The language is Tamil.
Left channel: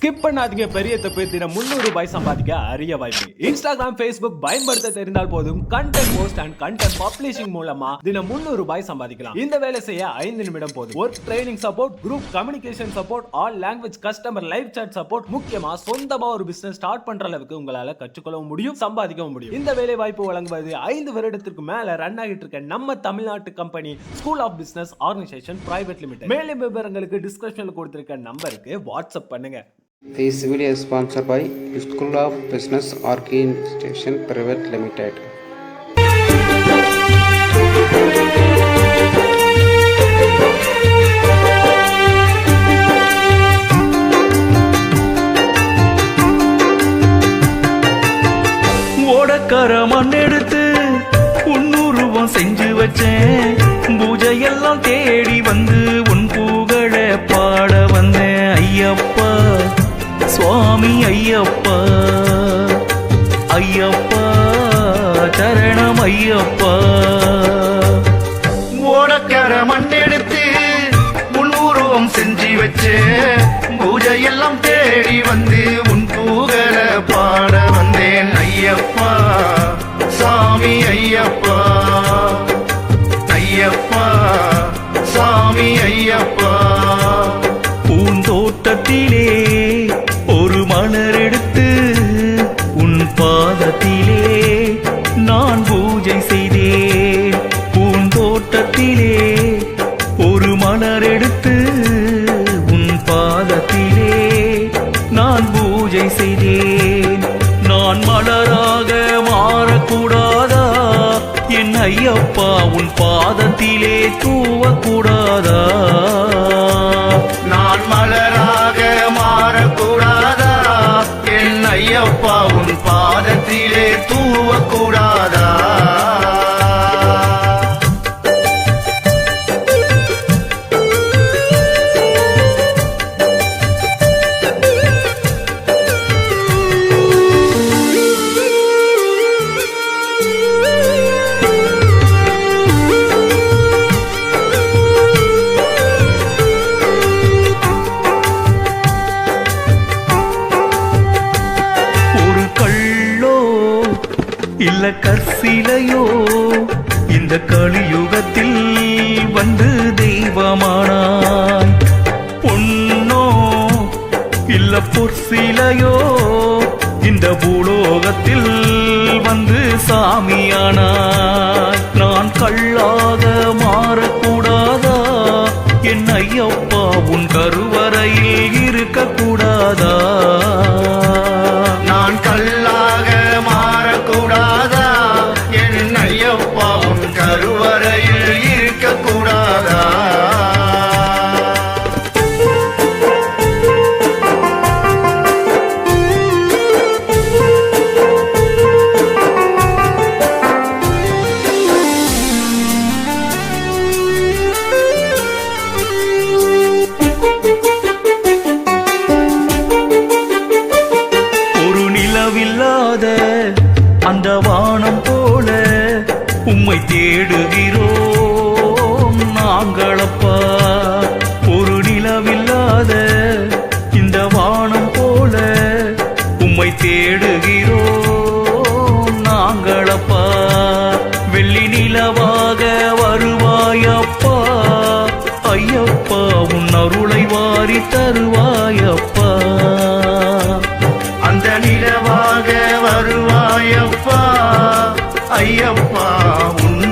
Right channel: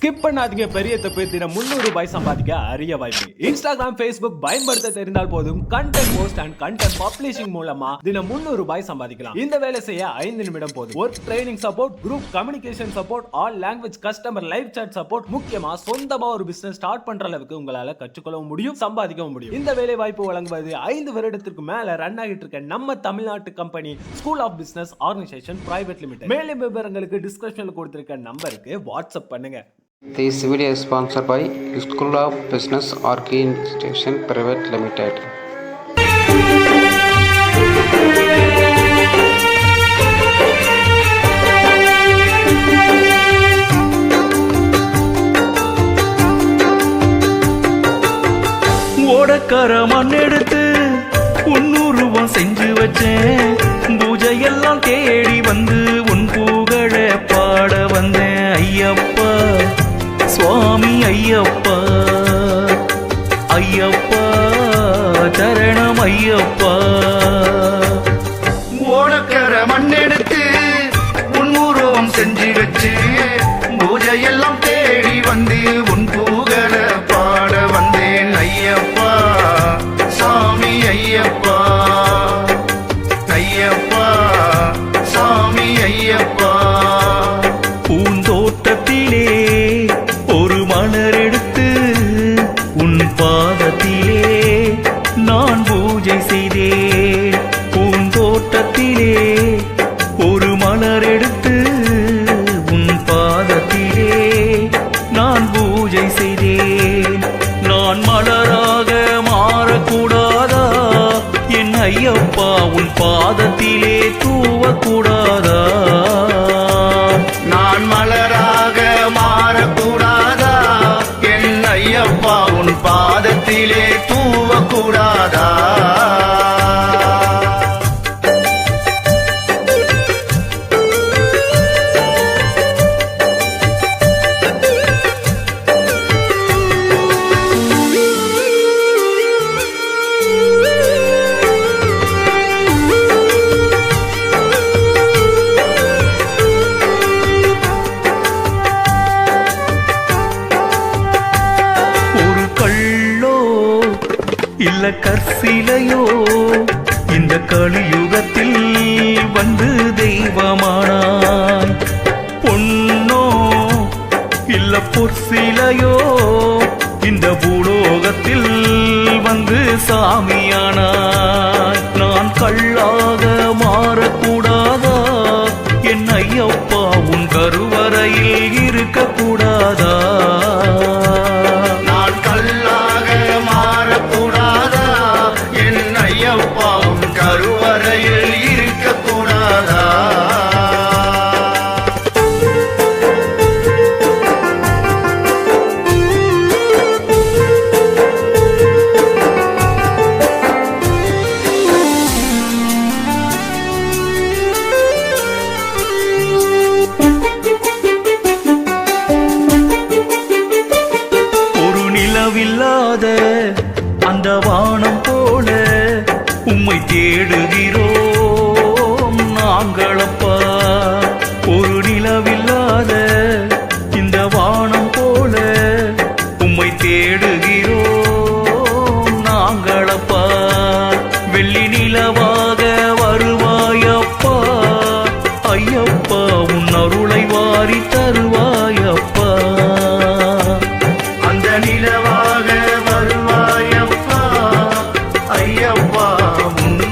ஸ்கிப் பண்ணாதீங்க, பெரிய தப்பு. தினம் 300 ரூபாய் சம்பாதிக்க அரிய வாய்ப்பு. இன்ஸ்டாகிராம், Facebook பயன்படுத்த தெரிந்தால் போதும். Content post and content publishing மூலமா தினம் 300 ரூபாய் சம்பாதிக்கலாம். இந்த வேலை செய்ய 5 நிமிடம் போதும். Work training support, group communication support, all language customer live chat support, முக்கியமா சொந்தமா ஒரு பிசினஸ் ஸ்டார்ட் பண்ற அளவுக்கு உங்களால கற்றுக்கொள்ளவும் முடியும், சம்பாதிக்கவும் முடியும். இந்த வேலை வாய்ப்பு வழங்குவது 5 வருடத்திற்கு மேல ரன் ஆகிட்டு இருக்க நம்ம தமிழ்நாட்டு company school of business organisation private limited. மேலும் விவரங்களுக்கு டிஸ்கிரிப்ஷன்ல கொடுத்திருக்க நம்பருக்கு வாட்ஸ்அப் பண்ணுங்க. This video is sponsored by School of Business Organization Private Limited. ஓடக்கார மண் எடுத்து உன்னுருவம் செஞ்சு வச்சேன். பூஜையெல்லாம் தேடி வந்து உன் புகழ பாட வந்தேன். ஐயப்பா சுவாமி ஐயப்பா, ஐயப்பா சரணம் ஐயப்பா. ஓடக்கர மண்ணெடுத்து உன் உருவம் செஞ்சு வச்சு பூஜையெல்லாம் தேடி வந்து உன் புகழ பாட வந்தேன். ஐயப்பா சுவாமி ஐயப்பா, ஐயப்பா சுவாமி ஐயப்பா. பூந்தோட்டத்திலே ஒரு மலர் எடுத்து உன் பாதத்திலே நான் பூஜை செய்தேன். பூந்தோட்டத்திலே ஒரு மலர் எடுத்து உன் பாதத்திலே நான் பூஜை செய்தேன். நான் மலராக மாறக்கூடாதா என் ஐயப்பா, உன் பாதத்திலே தூவக்கூடாதா? நான் மலராக மாறக்கூடாதா என் ஐயப்பா, உன் பாதத்திலே தூவக்கூடாதா? இல்ல கற்சிலையோ இந்த கலியுகத்தில் வந்து தெய்வமானாய். பொன்னோ இல்ல பொற்சிலையோ இந்த பூலோகத்தில் வந்து சாமியானாய். நான் கல்லாக மாறக்கூடாதா என் ஐயப்பா, உன் கருவறையில் இருக்கக்கூடாதா? நான் கல்லாக மாறக்கூடாதா என் ஐயப்பா, உன் கருவறையில் இருக்கக்கூடாதா? நிலவில்லாத அந்த வானம் போல உம்மை தேடுகிறோம் நாங்களப்பா. ஒரு நிலவில்லாத இந்த வானம் போல உம்மை தேடுகிறோம் நாங்களப்பா. வெள்ளி நிலவாக வருவாயப்பா ஐயப்பா, உன் அருளை வாரி தருவாயப்பா. அந்த நிலவாக வருவாயப்பா ஐயப்பா, உன்